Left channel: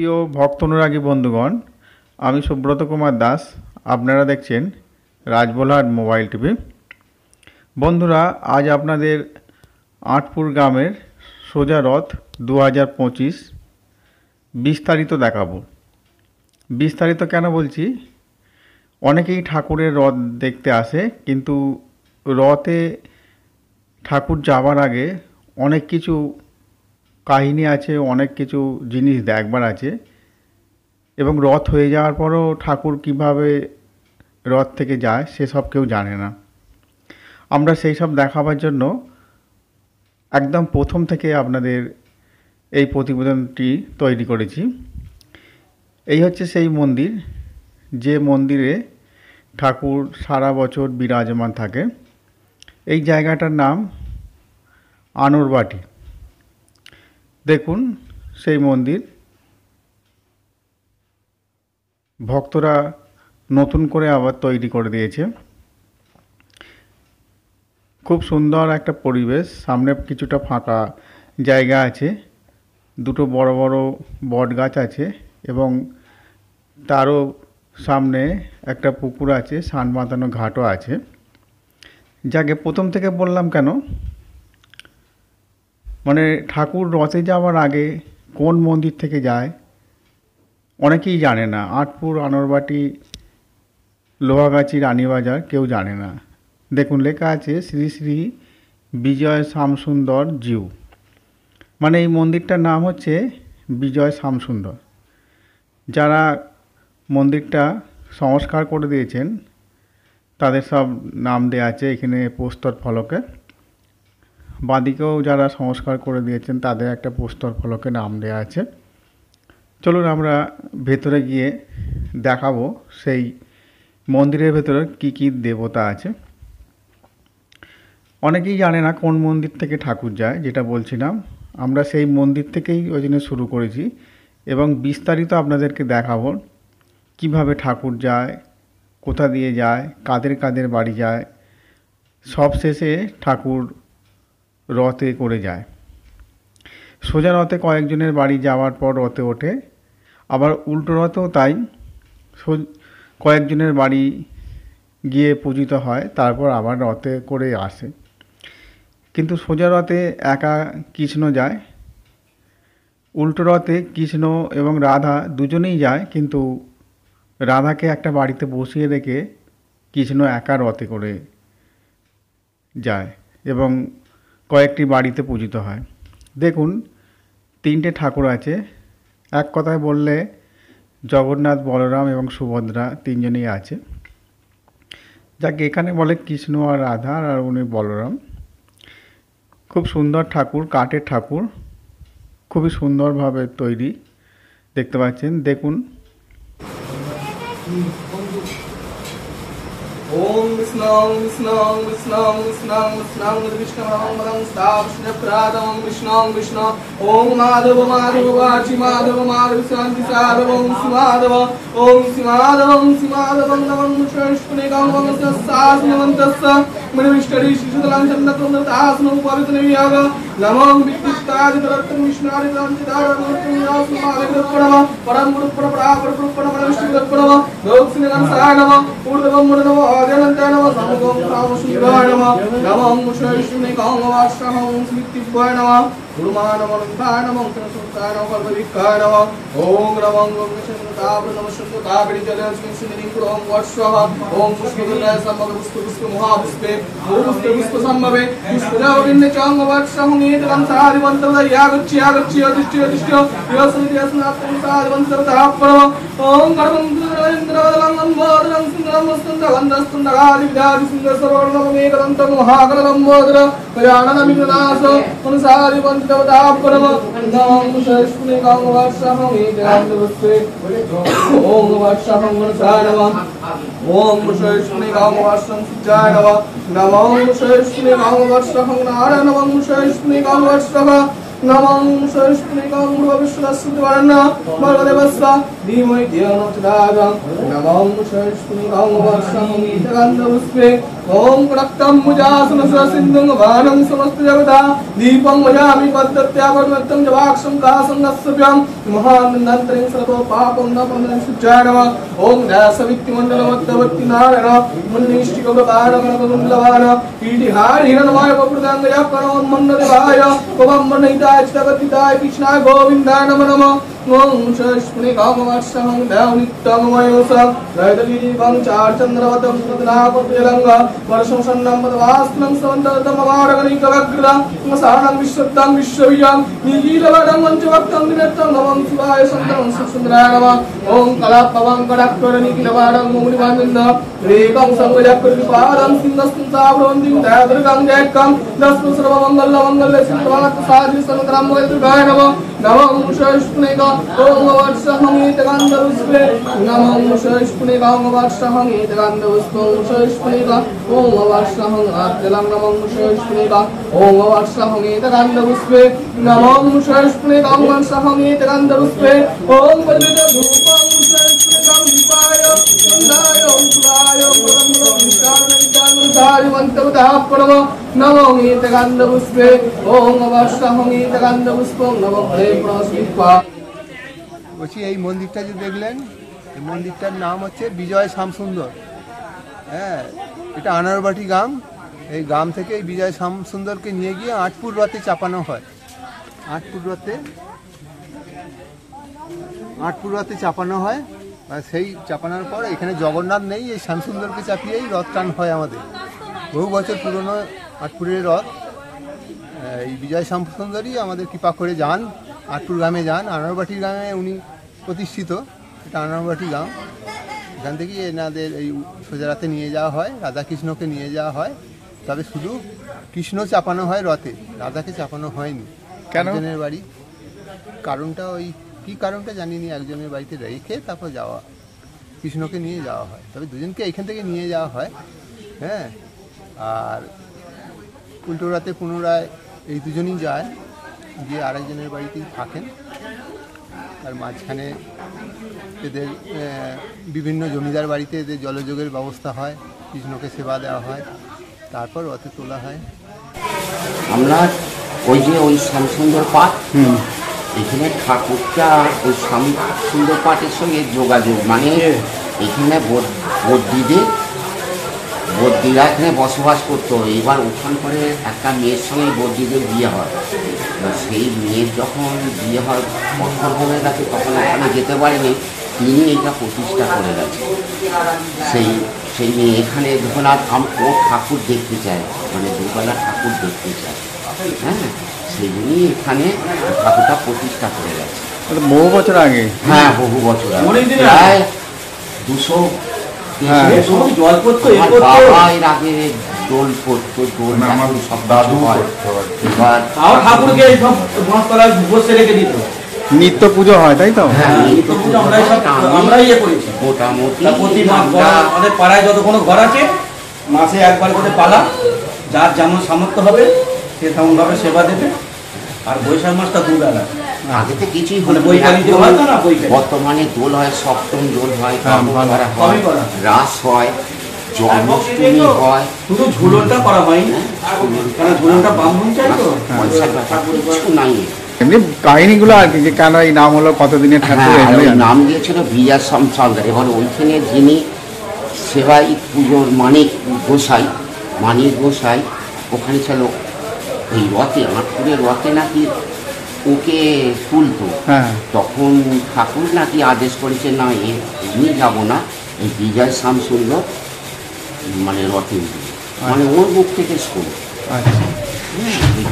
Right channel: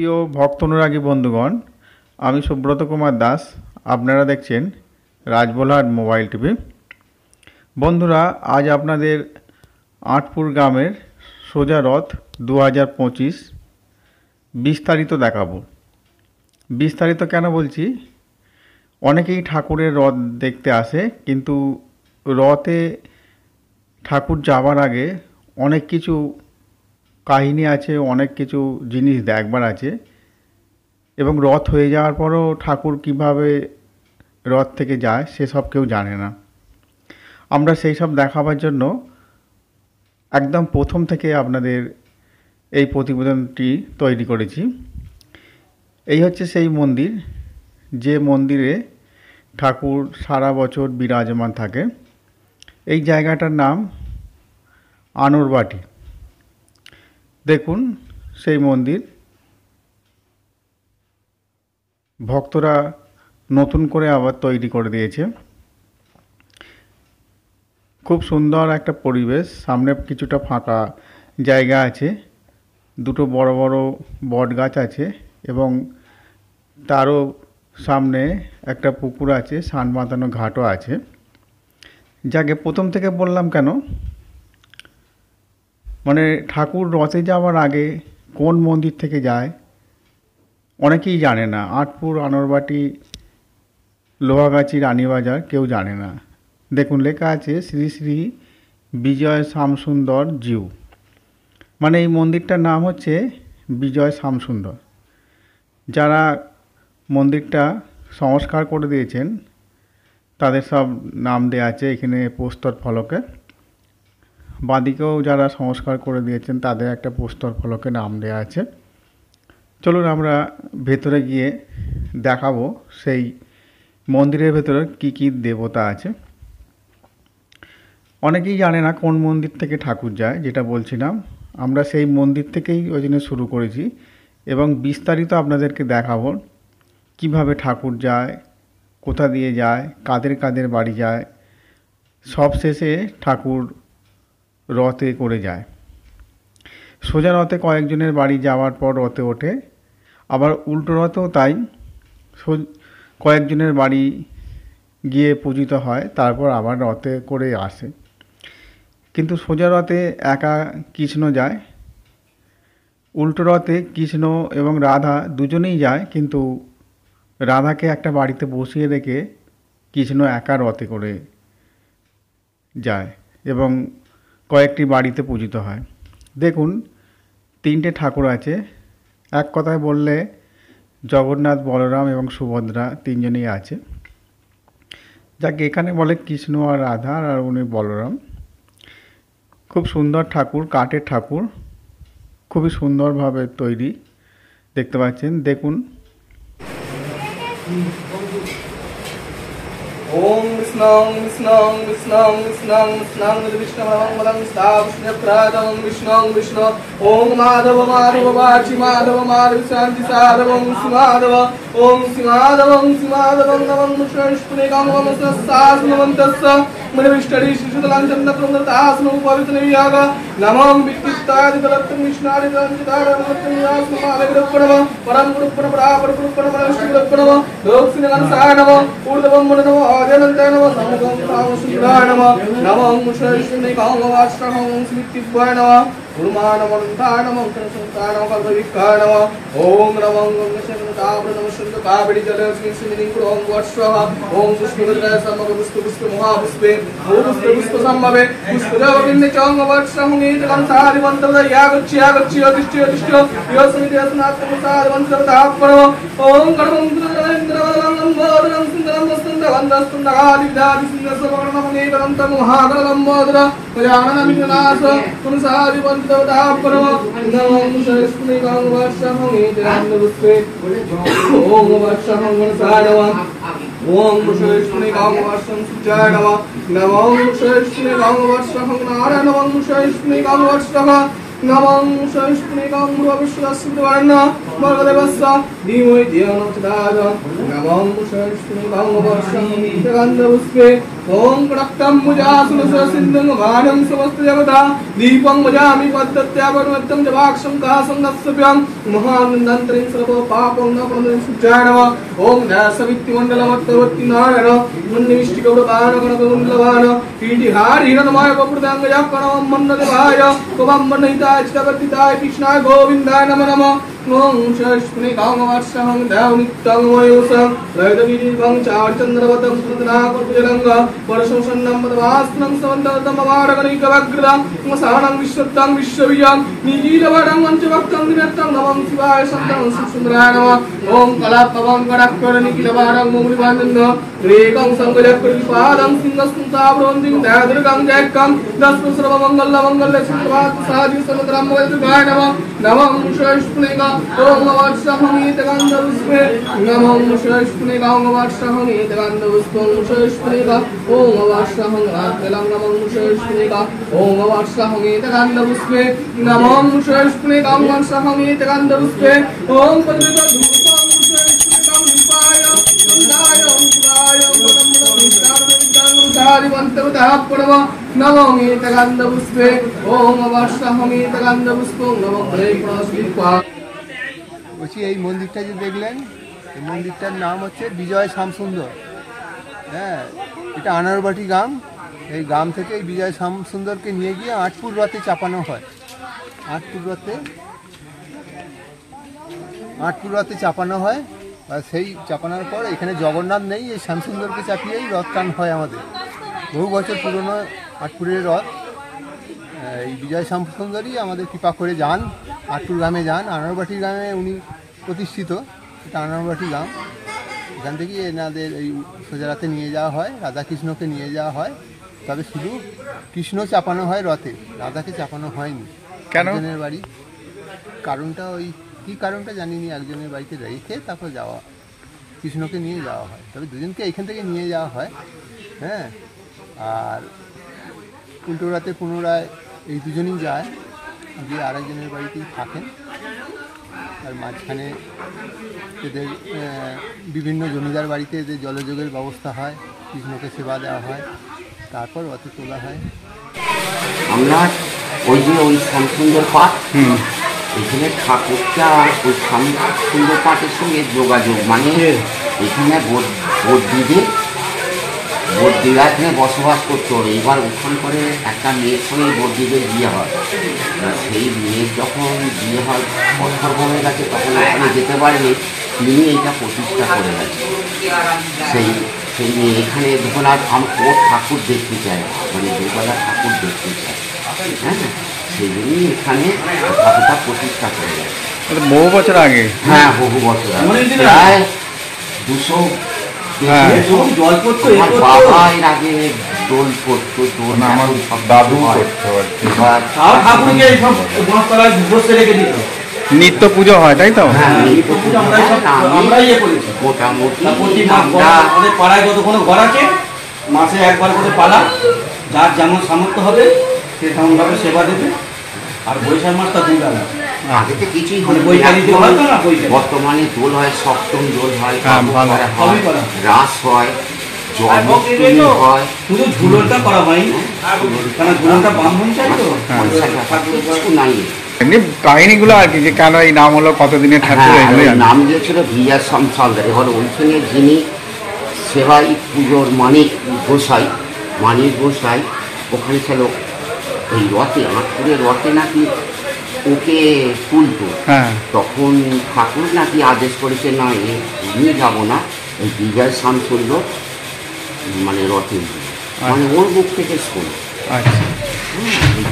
প্রিয় ভক্ত অনুরাগী বন্ধুগণ, আমি সুব্রত কুমার দাস। আপনারা দেখছেন রাজবলহাট মোবাইল টিভি। বন্ধুরা, আজ আপনাদের আটপুর গ্রামের সোজা রথ 2025 বিস্তারিত দেখাবো। বিস্তারিত কেন বলছি, অনেকেই ঠাকুরের রথ দেখতে আসে, কিন্তু রথে ঠাকুর যাবার আগে অনেক কিছু কাহিনী আছে, অনেক কিছু জিনিস দেখবার আছে, এবং রথ হয়ে যাওয়ার পরও ঠাকুর কিভাবে রথ থেকে যায় সেসব কেউ জানে না। আমরা সেই সব দেখাবার জন্য একদম প্রথম থেকে আপনাদের এই প্রতিবেদনটি তৈরি করেছি। এই হচ্ছে সেই মন্দির, যে মন্দিরে ঠাকুর সারা বছর বিরাজমান থাকে। এই জায়গাটার নাম আনুরবাটি। দেখুন সেই মন্দির, ভক্তরা নতুন করে আবার তৈরি করে দিয়েছে। খুব সুন্দর একটা পরিবেশ, সামনে কিছুটা ফাঁকা জায়গা আছে, দুটো বড় বড় বট গাছ আছে, এবং তারও সামনে একটা পুকুর আছে, সান বাঁধানো ঘাটও আছে। যাকে প্রথম থেকে বললাম কেন, মানে ঠাকুর রথে যাওয়ার আগে কোন মন্দির থেকে যায় অনেকেই জানে না। আটপুর, আনুরবাটি, লোহাগাছি, রানীবাজার কেউ জানে না। দেখুন লেখা আছে শ্রী শ্রী বিজয় শ্যামসুন্দর জিউ, মানে এই মন্দিরটার নাম হচ্ছে বিজয় শ্যামসুন্দর। যারা মন্দিরটা সংস্কার করে দিয়েছেন তাদের সব নাম দেওয়া আছে এখানে প্রস্তর ফলকে। বাঁদিকেও যারা সংস্কার করে দিয়েছেন তাদের একটা প্রস্তর ফলকে নাম দেওয়া আছে। চলুন আমরা ভেতরে গিয়ে দেখাবো সেই মন্দিরের ভেতরে কি কি দেবতা আছে। অনেকেই জানে না কোন মন্দির থেকে ঠাকুর যায়, যেটা বলছিলাম। আমরা সেই মন্দির থেকেই ওই জন্য শুরু করেছি, এবং বিস্তারিত আপনাদেরকে দেখাবো কিভাবে ঠাকুর যায়, কোথা দিয়ে যায়, কাদের কাদের বাড়ি যায়। সব শেষে ঠাকুর রথে করে যায়। সোজা রথে কয়েকজনের বাড়ি যাওয়ার পর রথে ওঠে, আবার উল্টো রথেও তাই, কয়েকজনের বাড়ি গিয়ে পূজিত হয়, তারপর আবার রথে করে আসে। কিন্তু সোজা রথে একা কৃষ্ণ যায়, উল্টো রথে কৃষ্ণ এবং রাধা দুজনেই যায়, কিন্তু রাধাকে একটা বাড়িতে বসিয়ে রেখে কৃষ্ণ একা রথে করে যায় এবং কয়েকটি বাড়িতে পূজিত হয়। দেখুন তিনটে ঠাকুর আছে, এক কথায় বললে জগন্নাথ, বলরাম এবং সুভদ্রা তিনজনেই আছে। যাকে এখানে বলে কৃষ্ণ আর রাধা, আর উনি বলরাম। খুব সুন্দর ঠাকুর, কাঠের ঠাকুর, খুবই সুন্দরভাবে তৈরি, দেখতে পাচ্ছেন। দেখুন ओम विष्णुं विष्णुं विष्णुं विष्णुं विष्णुं विष्णुमंगलं स्थापयिष्यप्रादं विष्णुं विष्णु ओम माधव माधव वाचि माधव माधव शांति साधवं सुमाधव ओम सिमाधवं सिमाधवं नमः विष्णुष्पुनिकं नमस्तास्मवन्तस्य मनविष्टरि शिशुदलं चन्द्रक्रमदास्मं पवित्रनियाग नमः विष्णुतादितवत्तं विष्णुनादितादितारमत्यास्मादिगुरुप्रणव परम गुरुप्रणव परापर गुरुप्रणव विष्णुगुरुप्रणव लोकसिंहं सानव ऊर्ध्वं मुननव आदिनन्दनव समगं सामश्रीराय नमः नमः मुषयिष्णुनिकं वाश्रमं स्मृतिभ्वाय नमः गुरुमानवन्ताय नमः कृष्णताय नमः कर्तविकाय नमः ओम रमं कावेरी जलस्किंसिंकुरं वर्षः ओम पुष्पगन्धाय सम्मवे पुष्प महापुष्पे पुष्प सम्मवे पुष्पजाविन्द चांग वर्षं नीतकं सारिवन्तवयागच्छ यागच्छ यदिष्ट यदिष्ट योसमिति अस्मात् सारिवन्तवतापरो ओम कर्मं इंद्रवदनं मोदनं सुन्दरं वन्दस्तुन्दगादिविदादि सुन्दरसवर्णमनेकं तं महागणं मोदर कल्याणनमितनाश पुनसारिवन्तवतापरो नमः श्रीकृष्णं वर्षं नीतकं ओम वर्षं वर्षाणवं ओम श्रीकृष्णं वर्षं सुचाणवं नमः श्रीकृष्णं वर्षं नारायणवं श्रीकृष्णं वर्षं नमः श्रीकृष्णं विश्वस्वर्ण भगदेवस्य धीमहि धियो न प्रचोदयात् नमः श्रीकृष्णं वर्षं गन्धपुष्पे ओम कडक्तम मुजासुन ससिद्धं गानं समस्त जगता दीपं मजामि पद्धत्यापरमत्तं जवाक्षं कासंगस्सभ्यं महानन्दंतरिं सर्व पापं न पुनः सुजानव ओम दासवित्तिमण्डलमत्तवत्ति नारायण मुन्निष्टिकौरपानगणगुण्डलवान पीठिहार हिरणमय पपुर्दाङ्गजापणवं मन्नदेवाय त्वं मन्नहिताय चितगतिताय कृष्णाय गोविन्दाय नमो नमः ओम शश्मि कामवर्षहं देवनित्यमयोसं नैदगिरिवं चार्चन्द्रवतं सुतनापतिरङ्ग वर्षं सन्नं पदवास्नं सवन्दतमवारगणिकवग्रदं मसानं विश्वत्तं विश्वविजं निजीलवरं वञ्चवक्तं निरतं नमः शिवाय सन्तं सुन्दराय नमः ओम कलापवं कडाक्षरनिखिलवारं मोङ्गिवानन्द रेकं संगजकृतिपादं सिंहस्तावृन्दिं दयादृगं जयकं दस्म सर्वमङ्गलमङ्गल्य सिद्धार्थ साधि समत्रं वैद्यगाय नमः नमः शश्मि ओम वर्षहमेतगन्धपुष्पे नमः शश्मि वर्षहमेतगन्धपुष्पं शश्मि ओम वर्षहं रात्यलं नमः शश्मि ओम वर्षहमेतगन्धपुष्पे नमः शश्मि वर्षहमेतगन्धपुष्पे ओम पद्मधूपं शश्मि दीपाय सुन्दाय ओंकाराय परमविष्टाविष्टानुसारिवन्तरतः परम नमो एतगन्धपुष्पे ओम वर्षहमेतगन्धपुष्पं नमः प्रेमस्मित्वा বলছি এই মন্দিরটা যে দেখলেন এই মন্দিরটার নাম হচ্ছে বিজয় শ্যামসুন্দর। হ্যাঁ, এটা আনারবাটি গ্রাম। এই গ্রাম থেকে এই বিজয় শ্যামসুন্দরকে নিয়ে গিয়ে আটপুর রথে চাপানো হয়। আটপুর রথে চাপানো হয়। আর সেই চাপানোর পর এখানে জগন্নাথ নেই, এই শ্যামসুন্দরকে চাপিয়েই রথ টান হয় আমাদের। বহু বছর পুরনো আটপুরের রথ। এই বিজয় শ্যামসুন্দরই আমাদের কৃপা করে যান, আটপুর গ্রামে যান। আনারবাটি গ্রামে উনি প্রতিষ্ঠিত, এটা আনারবাটি গ্রাম। এখান থেকেই এনাদের এই সোজারাতে নিয়ে যাওয়া হয়, রাধাকৃষ্ণকে নিয়ে যাওয়া হয়। তবে শুধু কৃষ্ণ চাপানো হয় রথে, রাধাকে চাপানো হয়নি। কেন? একজনের বাড়ি, কারণটা ওই কী কারণটা জানিনি, একজনের বাড়িতে রেখে তারপর যাওয়া, কৃষ্ণকে নিয়ে যাওয়া হয়। তবে দুজনকে এখান থেকে নিয়ে যাওয়া হয়। হ্যাঁ, আর উল্টো রাতে পুনরায় এই দুজনই যায়, গিয়ে আরেকজনের বাড়িতেই থাকেন। আর মাঝখানে এদের বিভিন্ন জমিদার বাড়িতে এদের জলযোগের ব্যবস্থা হয়, কৃষ্ণকে সেবা দেওয়া হয়, তারপর রথে তোলা হয়। আমরা ওই শ্যামসুন্দর পাঠ, এখানে ঠাকুরটা ওই শ্যামসুন্দর পাঠের সঙ্গে যোগাযোগ, মানে এখানে বদ্যিরা এখানে বসবাস করতো। এবার ওখান করে একটা মেয়ের সঙ্গে বদ্যিদের বিয়ে হয়। সেই মেয়ের যখন বিয়ে হয় বছর হয়ে গেছে, তখন ওখানে যেতে পারেনি, তিনি এইটা প্রতিষ্ঠা করে গেছে। সেই মেয়ে এখানে যখন ও ঠাকুর দেখতে চায়, মানে দুর্গাদার ঠাকুর দেখতে চায়, হ্যাঁ, সেই জন্যই এখানে ঠাকুরটা প্রতিষ্ঠা করে গেছে। বহু বছর আগে? হ্যাঁ, বহু বছর আগে, প্রায় 200। বাবা এর আগে দোল পড়তো, দোল সব দাদু এবার নিত্য পুজো হয়, তাই তো? আমাদের পাড়ায় যত কোনো ঘর আছে মাসে একবার করে পালা, যার যেমন সামর্থ্য হবে সে তেমন ভাবে সেবা দেবে। আর বৈশাখ মাসটা দুবেলা, আগে তো কিছুই মানে বৈশাখী দোল হয় তো না, বর্তমানে দোল হয়, সপ্তম দোল হয়, করা রাস হয়, জন্মাষ্টমী হয়। শুধু ঝুলনটা করা হয়নি, কারণ ঝুলনটা ব্রাহ্মণ চাই তো, কিছু নাই। এমনি কাহিনীগুলো আর কি, যে কেন এই নাম হলো, কতদিনের ঠাকুর, এগুলো নাম দিয়েছিল বিজয় শ্যামসুন্দর। এবার ওইখানে যিনি সেবাই পুজোর মানিক গোসাই ওখানে ছিল ওই রথে, আটপুরের রথে নাকি ওকে তুলতো। তখন ঠাকুর নাকি আদেশ করেছে, না নিয়ে যাবো না, এই বিজয় শ্যামসুন্দর মানে রথে, মানে ওর মুখ থেকে শোনো।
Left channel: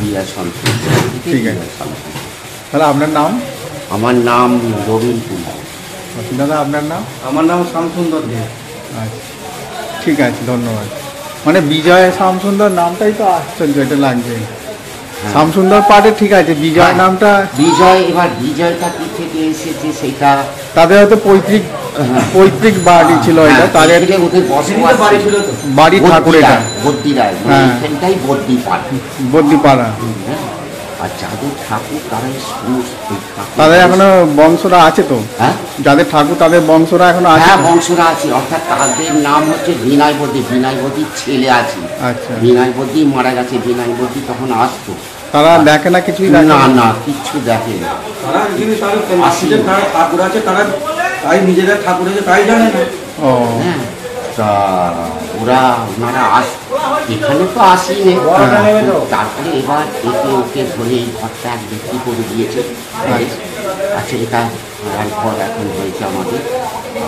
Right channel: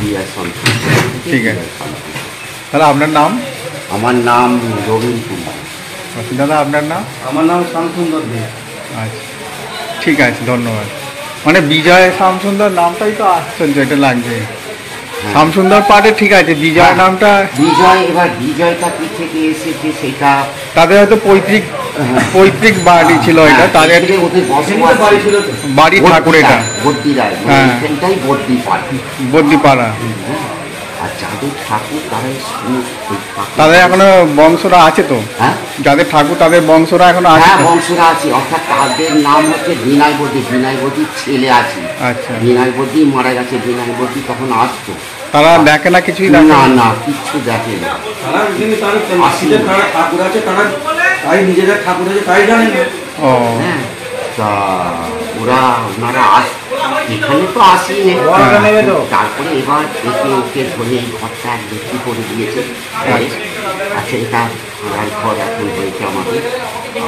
বিজয় শ্যামসুন্দর। ঠিক আছে, তাহলে আপনার নাম? আমার নাম রবীন্দ্র কুমার। দাদা আপনার নাম? আমার নাম শ্যামসুন্দর দে। আচ্ছা, ঠিক আছে, ধন্যবাদ। মানে বিজয় শ্যামসুন্দর নামটাই তো আশ্চর্য, এটা লাগছে। শ্যামসুন্দর পাঠে ঠিক আছে, বিজয় নামটা বিজয়, এবার বিজয়টা কি থেকে এসেছে সেটা তাদের হয়তো পৈতৃক বাড়ি ছিল, এটা তাদের বাড়ি ঠাকুর, এটা বদ্যিরায়, এখানটাই বদ্যিপাড়া। বদ্যিপাড়া। আর যাদের ঠাকুর তারাই তাদের এখনো বংশরা আছে তো? হ্যাঁ যাদের ঠাকুর তাদের বংশরা এখনো আছে হ্যাঁ তো? বংশরা আছে, অর্থাৎ তাদের নাম হচ্ছে বিনয়বতী। বিনয়বতীর ছেলে আছে। আচ্ছা, বিনয়বতী মারা গেছে, বিনয়বতী তখন আসতো। তারা দেখে না, কিছুই দেখে না না? না কিচ্ছু দেখে না। তারা যিনি তাদের মাসিতে তারা ঠাকুর আছে, তারা তাই নিজেদের ঠাকুর আছে তাই জানে না। ও হ্যাঁ তা ওনারা এখানে তো আসেনি। তারপরে এবার একে ওকে ধরে এই ঘরটা বিক্রি করে দিয়েছে। আচ্ছা এটা ভাড়ার ঘর এখন হয়েছে আমাদের।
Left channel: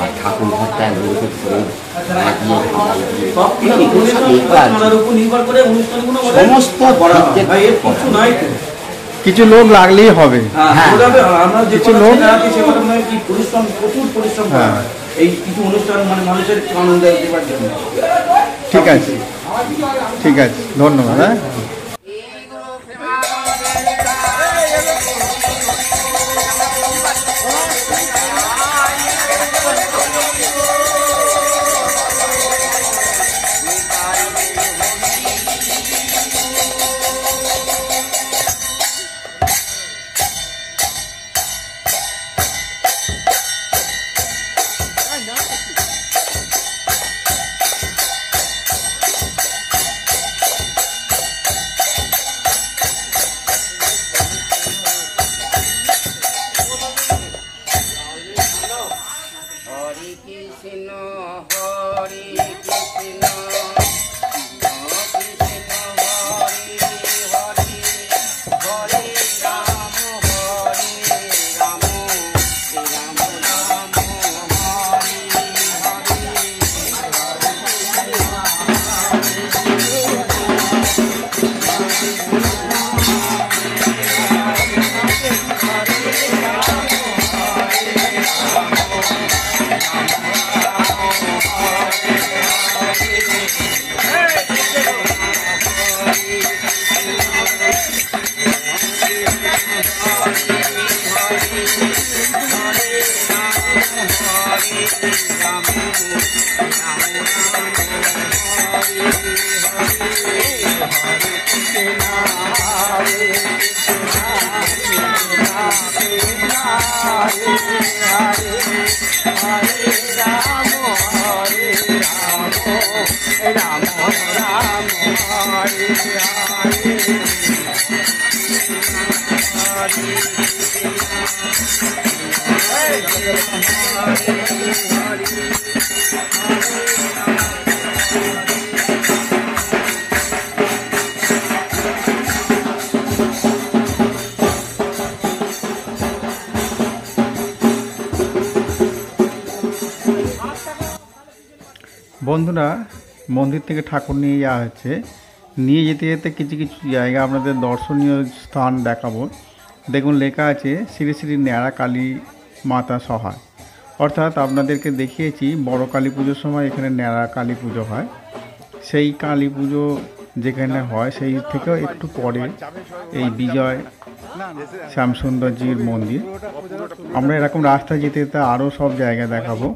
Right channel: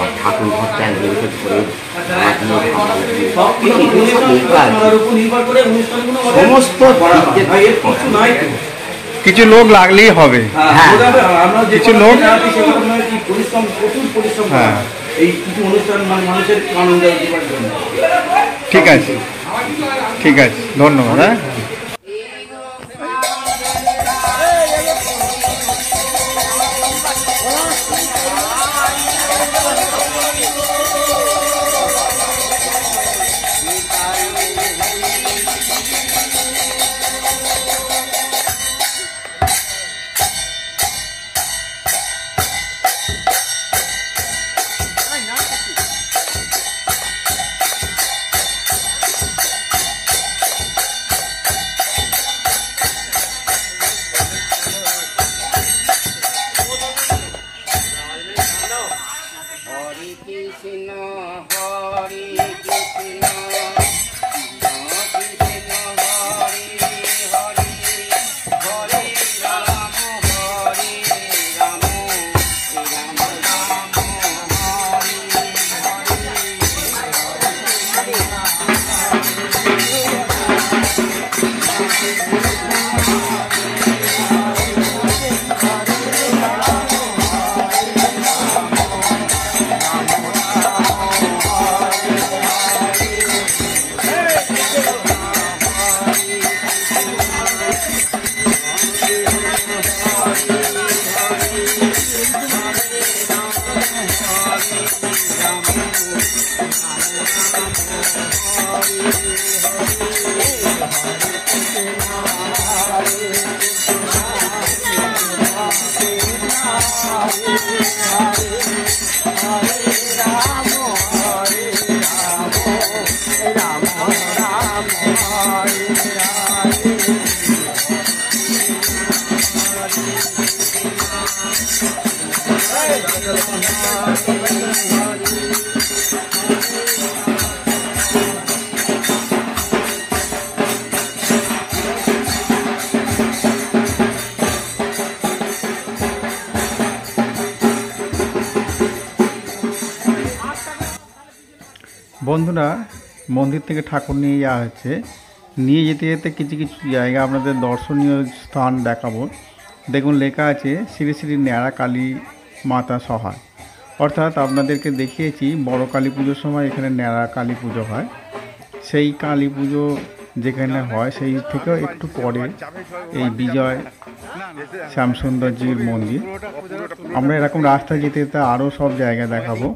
আর ঠাকুর ঘরটা একজনকে ধরে ভাড়া দিয়ে আমরা সব কিছু আপনার উপর নির্ভর করে অনুষ্ঠানগুলো সমস্ত করা হয়। দিক ভাই, এর কিছু নাই তো। কিছু লোক লাগলেই হবে। হ্যাঁ, আমরা যে কিছু কটা লোক- দিন আছি সে কটা মানে কি পরিশ্রম, প্রচুর পরিশ্রম করা হ্যাঁ। হয়। এই কিছু অনুষ্ঠান মানে মানুষের আনন্দ দেওয়ার জন্য। ঠিক আছে, ঠিক আছে, ধন্যবাদ। হ্যাঁ, হরে কৃষ্ণ হরে কৃষ্ণ কৃষ্ণ হরে হরে হরে রাম হরে রাম রাম রাম হরে বন্ধুরা, মন্দির থেকে ঠাকুর নিয়ে যাওয়া হচ্ছে। নিয়ে যেতে যেতে কিছু কিছু জায়গা আপনাদের দর্শনীয় স্থান দেখাবো। দেখুন লেখা আছে শ্রী শ্রী ন্যাড়া কালী মাতা সহায়। অর্থাৎ আপনাদেরকে দেখিয়েছি বড় কালী পুজোর সময় এখানে ন্যাড়া কালী পুজো হয়। সেই কালী পুজো যেখানে হয় সেই থেকেও একটু পরে এই বিজয় শ্যামসুন্দরজির মন্দির। আমরা এরকম রাস্তায় যেতে যেতে আরও সব জায়গা দেখাবো।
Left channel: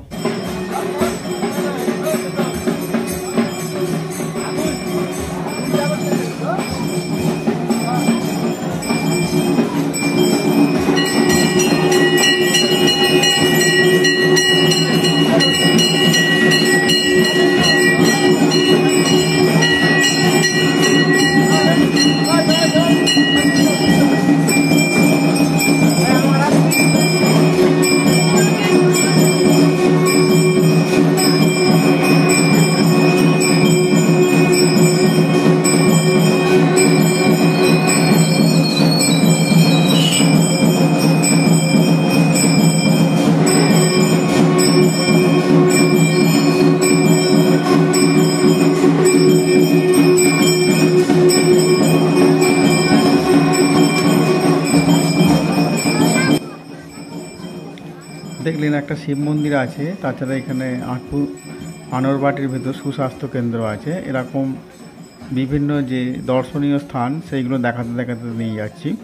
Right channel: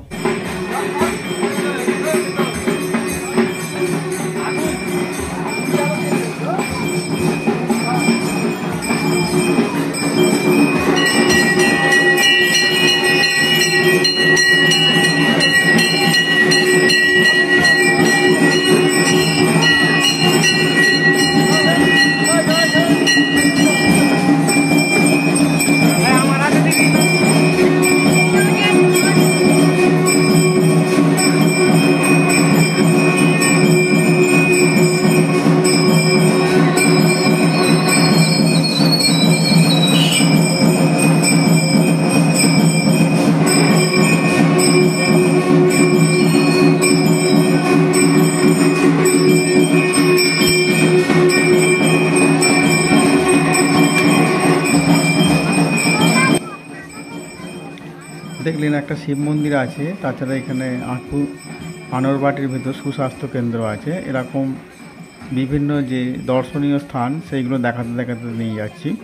দেখলেন একটা শিব মন্দির আছে, তাছাড়া এখানে আটপুর আনরবাটির ভেতর সুস্বাস্থ্য কেন্দ্র আছে। এরকম বিভিন্ন যে দর্শনীয় স্থান সেইগুলো দেখাতে দেখাতে নিয়ে যাচ্ছি,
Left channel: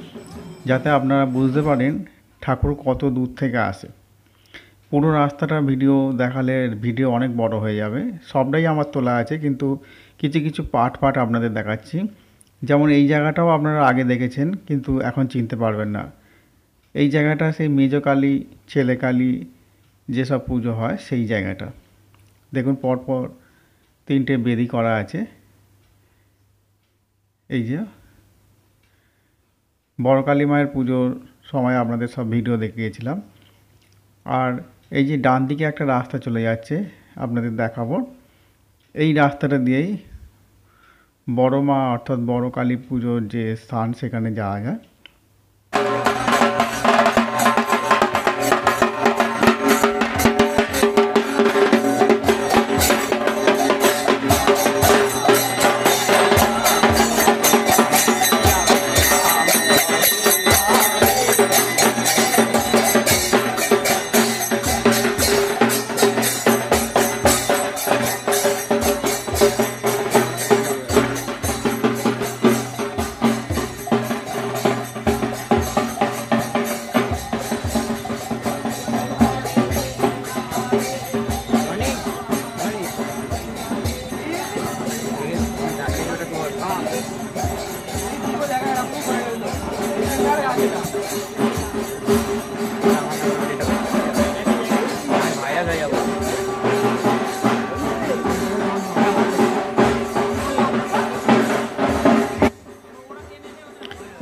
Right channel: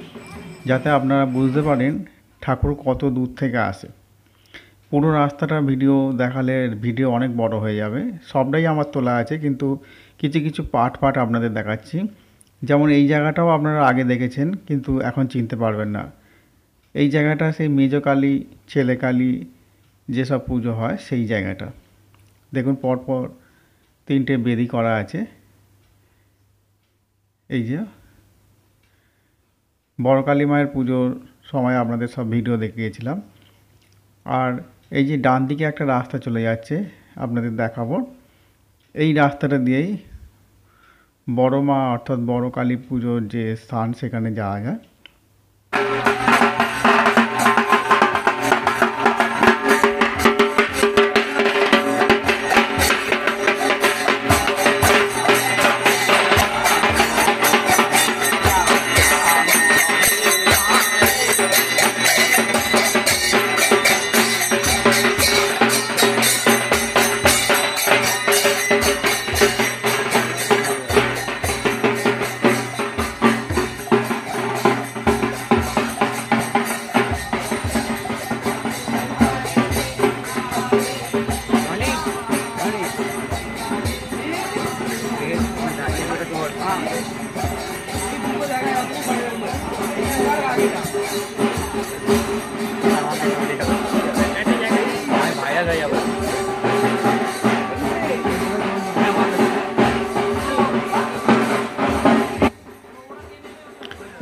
যাতে আপনারা বুঝতে পারেন ঠাকুর কত দূর থেকে আসে। পুরো রাস্তাটা ভিডিও দেখালে ভিডিও অনেক বড় হয়ে যাবে। সবটাই আমার তোলা আছে, কিন্তু কিছু কিছু পার্ট পার্ট আপনাদের দেখাচ্ছি। যেমন এই জায়গাটাও আপনারা আগে দেখেছেন, কিন্তু এখন চিনতে পারবেন না। এই জায়গাটা সেই মেজ কালী, ছেলে কালী যেসব পুজো হয় সেই জায়গাটা। দেখুন পরপর 3টে বেদি করা আছে। এই যে বড় কালী মায়ের পুজোর সময় আপনাদের সব ভিডিও দেখিয়েছিলাম। আর এই যে ডান দিকে একটা রাস্তা চলে যাচ্ছে, আপনাদের দেখাবো। এই রাস্তাটা দিয়েই বড় মা অর্থাৎ বড় কালী পুজোর যে স্থান সেখানে যাওয়া যায়।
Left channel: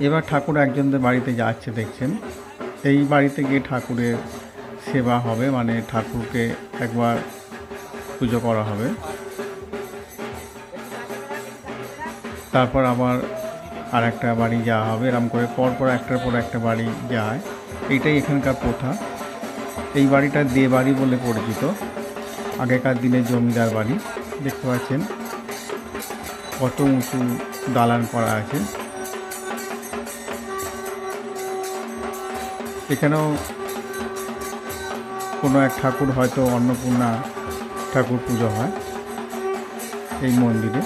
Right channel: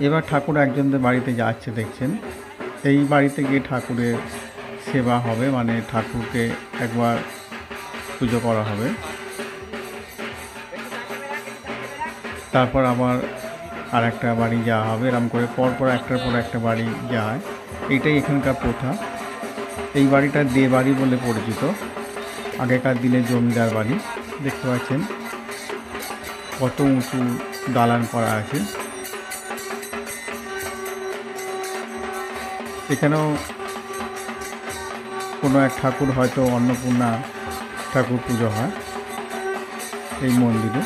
এবার ঠাকুর একজনদের বাড়িতে যাচ্ছে দেখছেন। এই বাড়িতে গিয়ে ঠাকুরের সেবা হবে, মানে ঠাকুরকে একবার পুজো করা হবে, তারপর আবার আর একটা বাড়ি যাওয়া হবে। এরকম করে পরপর একটার পর একটা বাড়ি যায়। এইটাই এখানকার প্রথা। এই বাড়িটা দে বাড়ি বলে পরিচিত। আগেকার দিনে জমিদার বাড়ি। দেখতে পাচ্ছেন কত উঁচু দালান করা আছে। এখানেও কোনো এক ঠাকুর, হয়তো অন্নপূর্ণা ঠাকুর পুজো হয় এই মন্দিরে।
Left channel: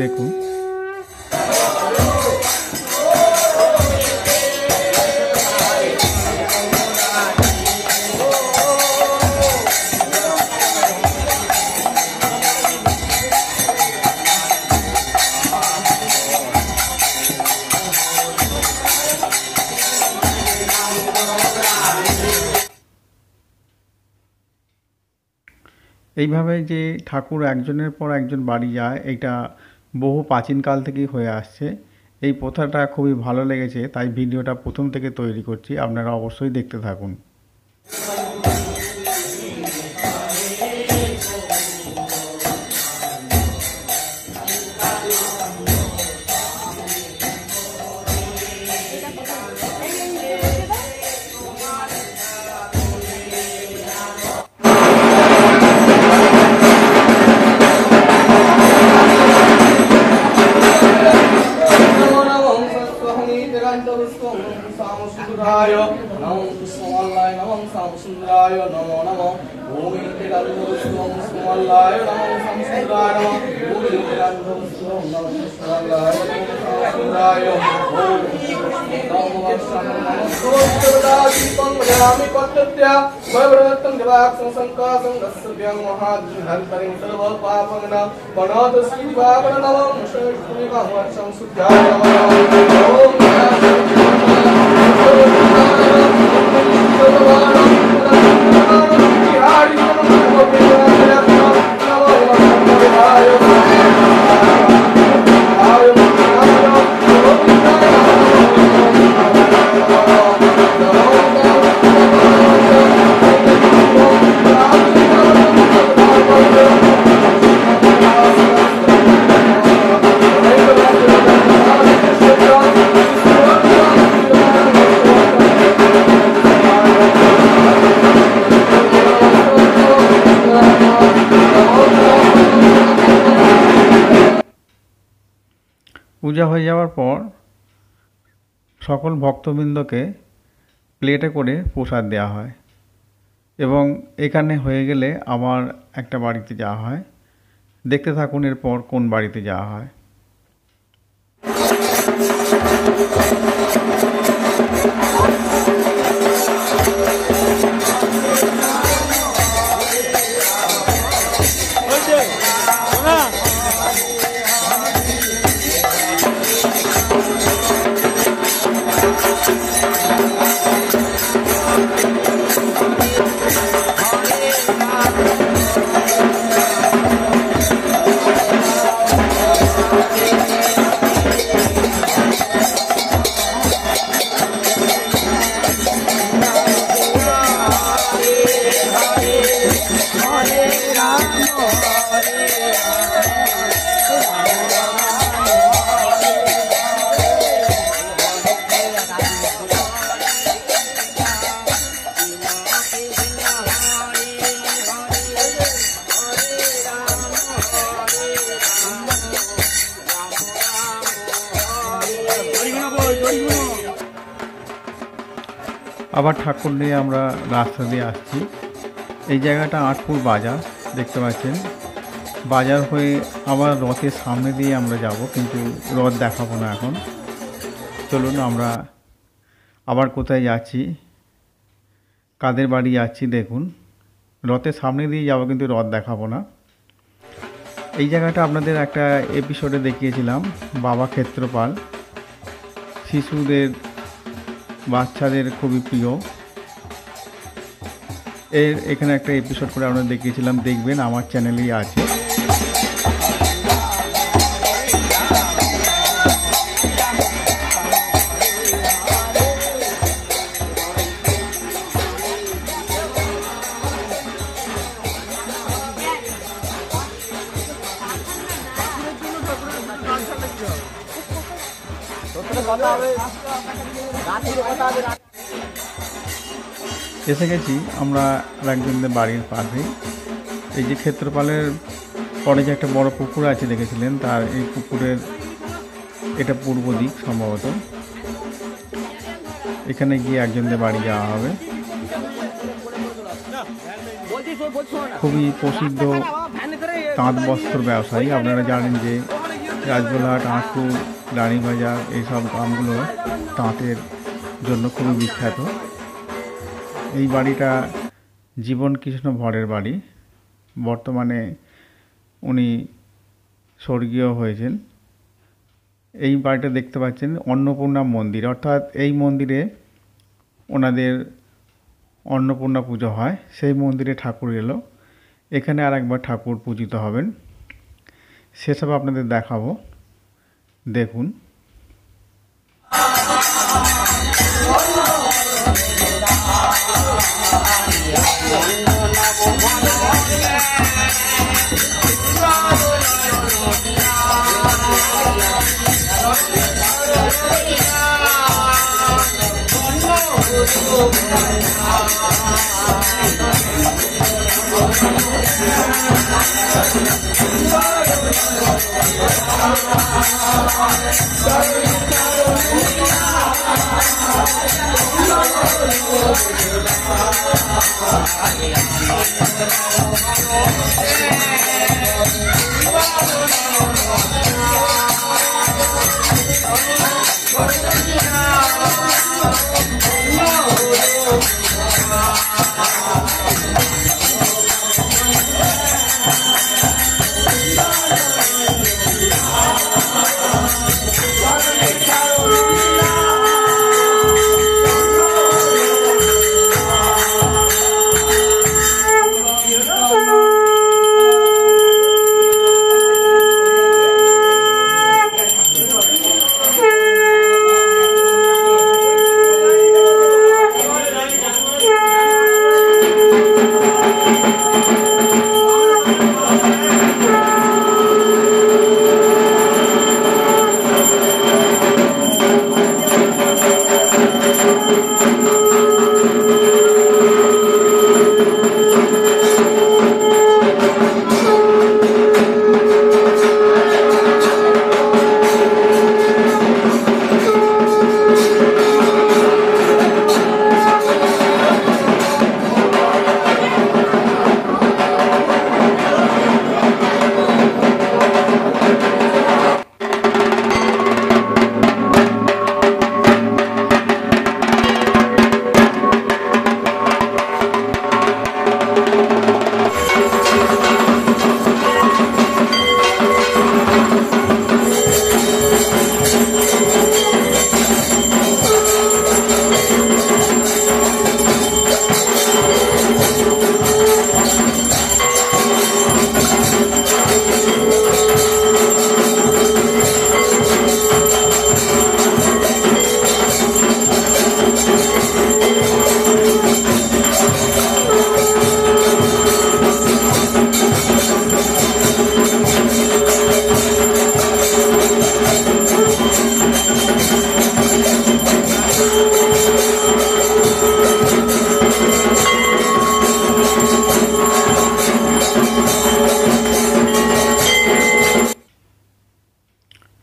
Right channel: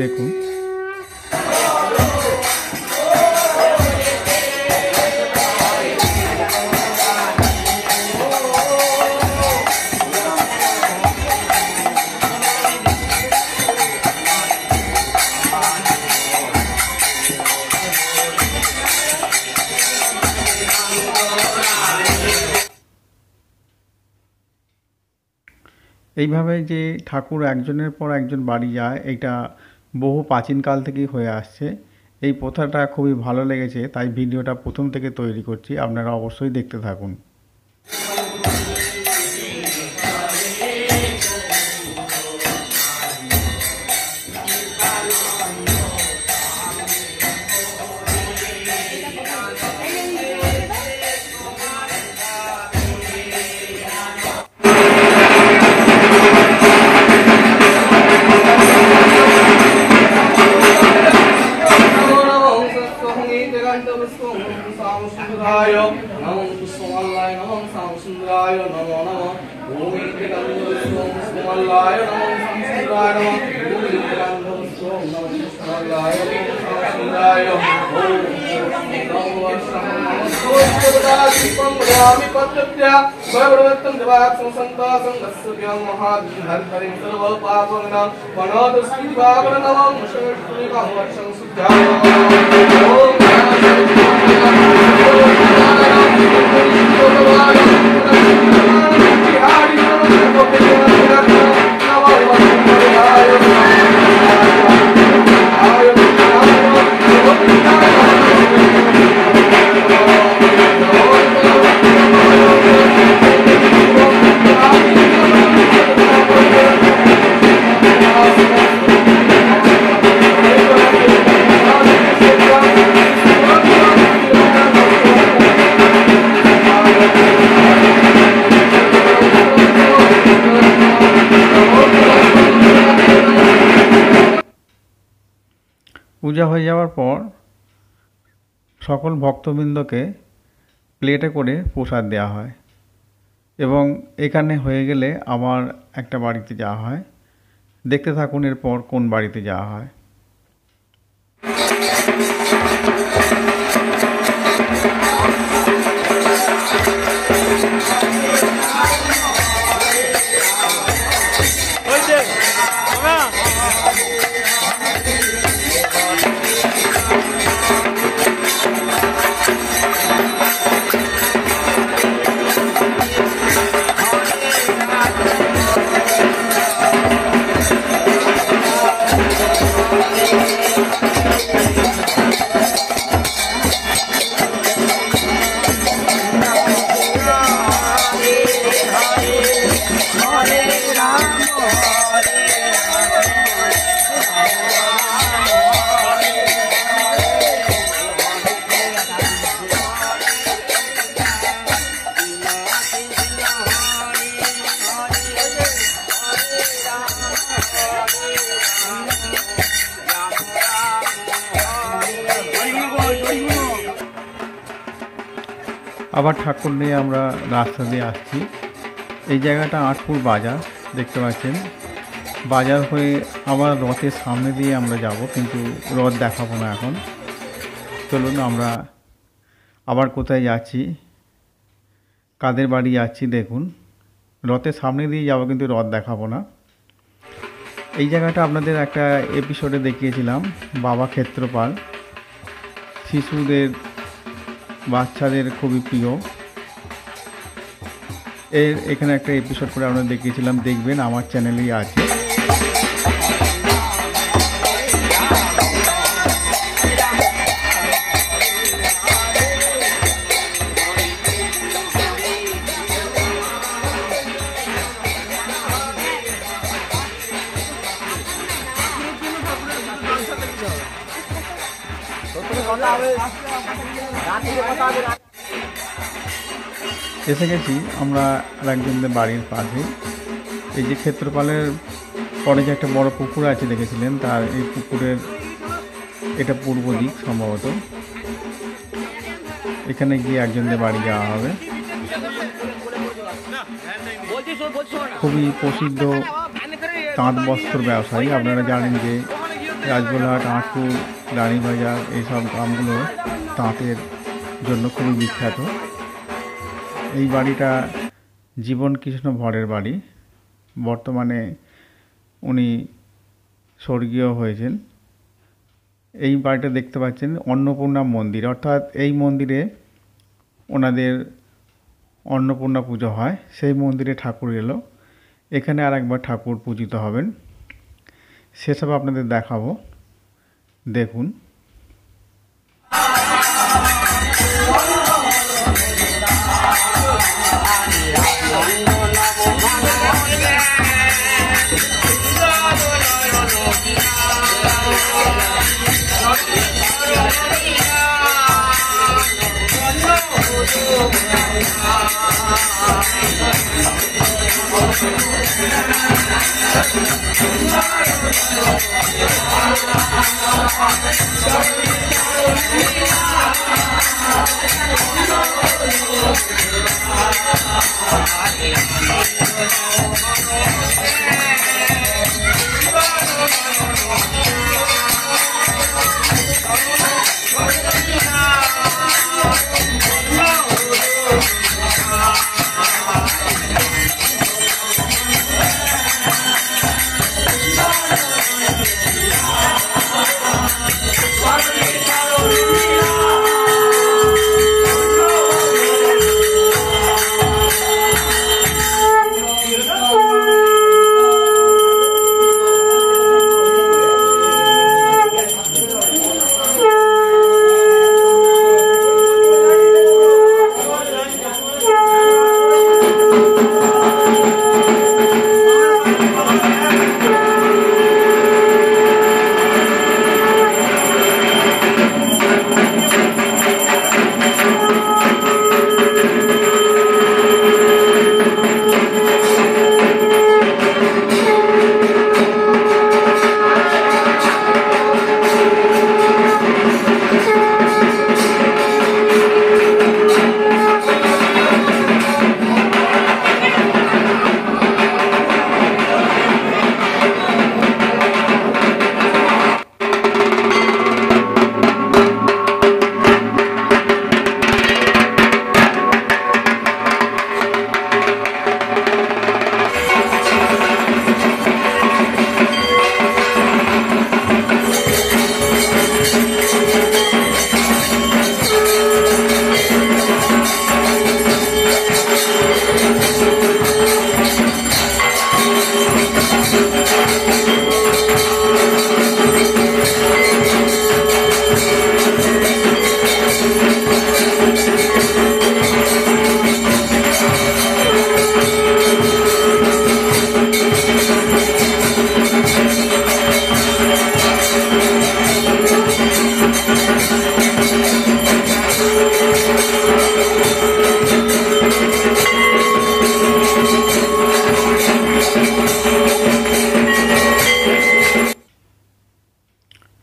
দেখুন এইভাবে যে ঠাকুর একজনের পর একজন বাড়ি যায়, এটা বহু প্রাচীনকাল থেকেই হয়ে আসছে। এই প্রথাটা খুবই ভালো লেগেছে, তাই ভিডিওটা প্রথম থেকে তৈরি করছি। আপনারা অবশ্যই দেখতে থাকুন। পূজা হয়ে যাওয়ার পর সকল ভক্তবৃন্দকে প্লেটে করে প্রসাদ দেওয়া হয় এবং এখানে হয়ে গেলে আবার একটা বাড়িতে যাওয়া হয়। দেখতে থাকুন এরপর কোন বাড়িতে যাওয়া হয়। আবার ঠাকুর নিয়ে আমরা রাস্তা দিয়ে আসছি। এই জায়গাটা আটপুর বাজার দেখতে পাচ্ছেন। বাজার হয়ে আবার রথের সামনে দিয়ে আমরা যাব, কিন্তু রথ দেখাবো না এখন। চলুন আমরা আবার কোথায় যাচ্ছি, কাদের বাড়ি যাচ্ছি দেখুন। রথের সামনে দিয়ে যাব, কিন্তু রথ দেখাবো না। এই জায়গাটা আপনাদের একটা এপিসোডে দেখিয়েছিলাম, বাবা ক্ষেত্রপাল। শিশুদের, বাচ্চাদের খুবই প্রিয়। এখানে একটা এপিসোড করে আমরা দেখিয়েছিলাম, দেখবেন আমার চ্যানেলেই আছে। এসে গেছি আমরা আরেকজনদের বাড়ির পাশে। এই যে ক্ষেত্রপালের পরে যে একটা বড় পুকুর আছে দেখেছিলেন, তার এই পুকুরের এটা পূর্ব দিক সম্ভবত। এখানে গিয়ে একজনদের বাড়ি যাওয়া হবে। খুবই প্রসিদ্ধ তাঁত বস্ত্র ব্যবসায়ী। আপনারা জানেন যে রাজবোলহাট, আটপুর, রানীবাজার এইসব গ্রামগুলো তাঁতের জন্য খুবই বিখ্যাত। এই বাড়িটা জীবন কৃষ্ণ ভরের বাড়ি। বর্তমানে উনি স্বর্গীয় হয়েছেন। এই বাড়িটা দেখতে পাচ্ছেন অন্নপূর্ণা মন্দির, অর্থাৎ এই মন্দিরে ওনাদের অন্নপূর্ণা পুজো হয়। সেই মন্দিরে ঠাকুর এলো, এখানে আর একবার ঠাকুর পূজিত হবেন, সেসব আপনাদের দেখাবো, দেখুন।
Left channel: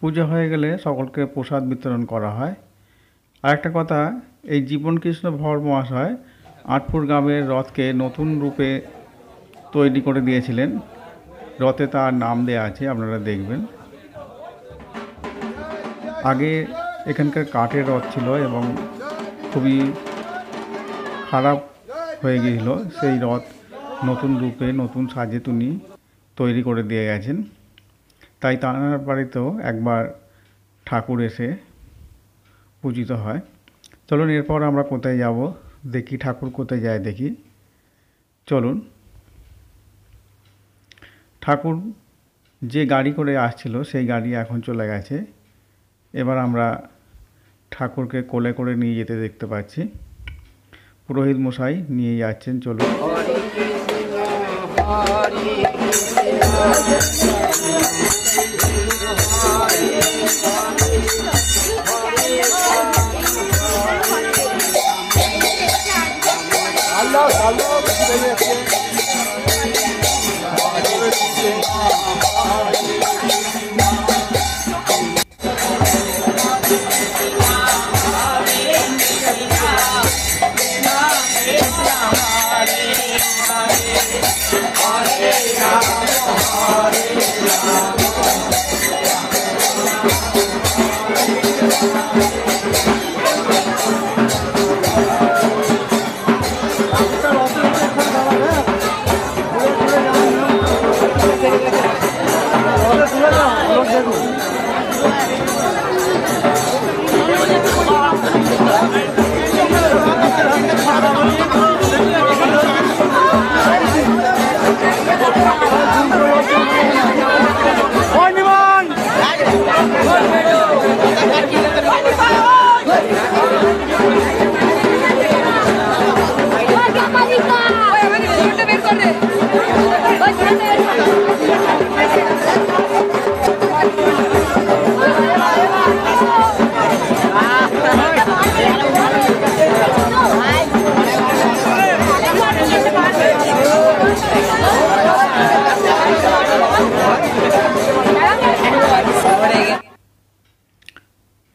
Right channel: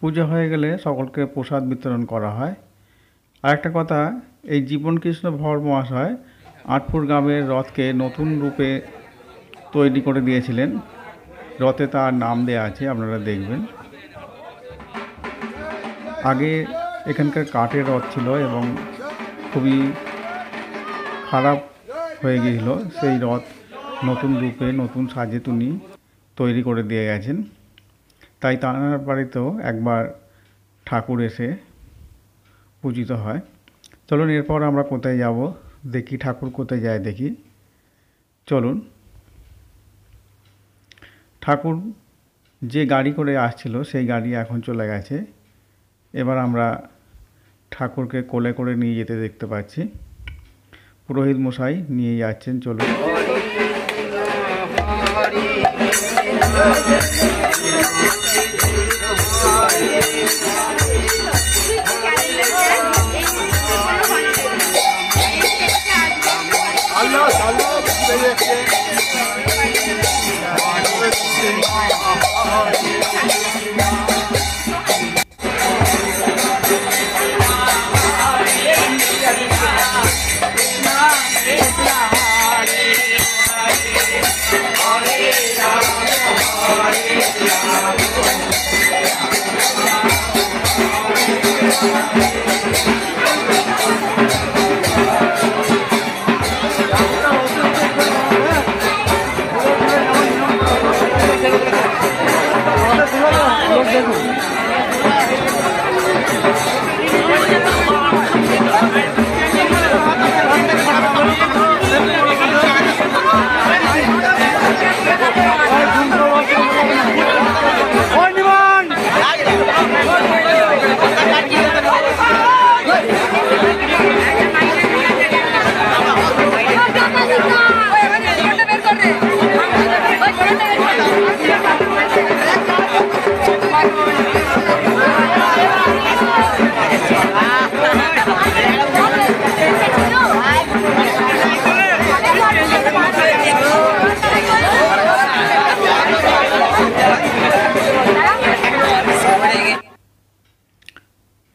পুজো হয়ে গেলে সকলকে প্রসাদ বিতরণ করা হয়। আরেকটা কথা, এই জীবনকৃষ্ণ ভর মহাশয় আটপুর গ্রামের রথকে নতুন রূপে তৈরি করে দিয়েছিলেন। রথে তার নাম দেয়া আছে, আপনারা দেখবেন। আগে এখানকার কাঠের রথ ছিল এবং খুবই খারাপ হয়ে গিয়েছিল। সেই রথ নতুন রূপে নতুন সাজে তিনি তৈরি করে দিয়ে গেছেন। তাই তার বাড়িতেও একবার ঠাকুর এসে পূজিত হয়। চলুন এরপর আমরা কোথায় যাব দেখি, ঠাকুর কোথায় যায় দেখি। চলুন। ঠাকুর যে গাড়ি করে আসছিল সেই গাড়ি এখন চলে গেছে। এবার আমরা ঠাকুরকে কোলে করে নিয়ে যেতে দেখতে পাচ্ছি। পুরোহিত মশাই নিয়ে যাচ্ছেন। চলুন।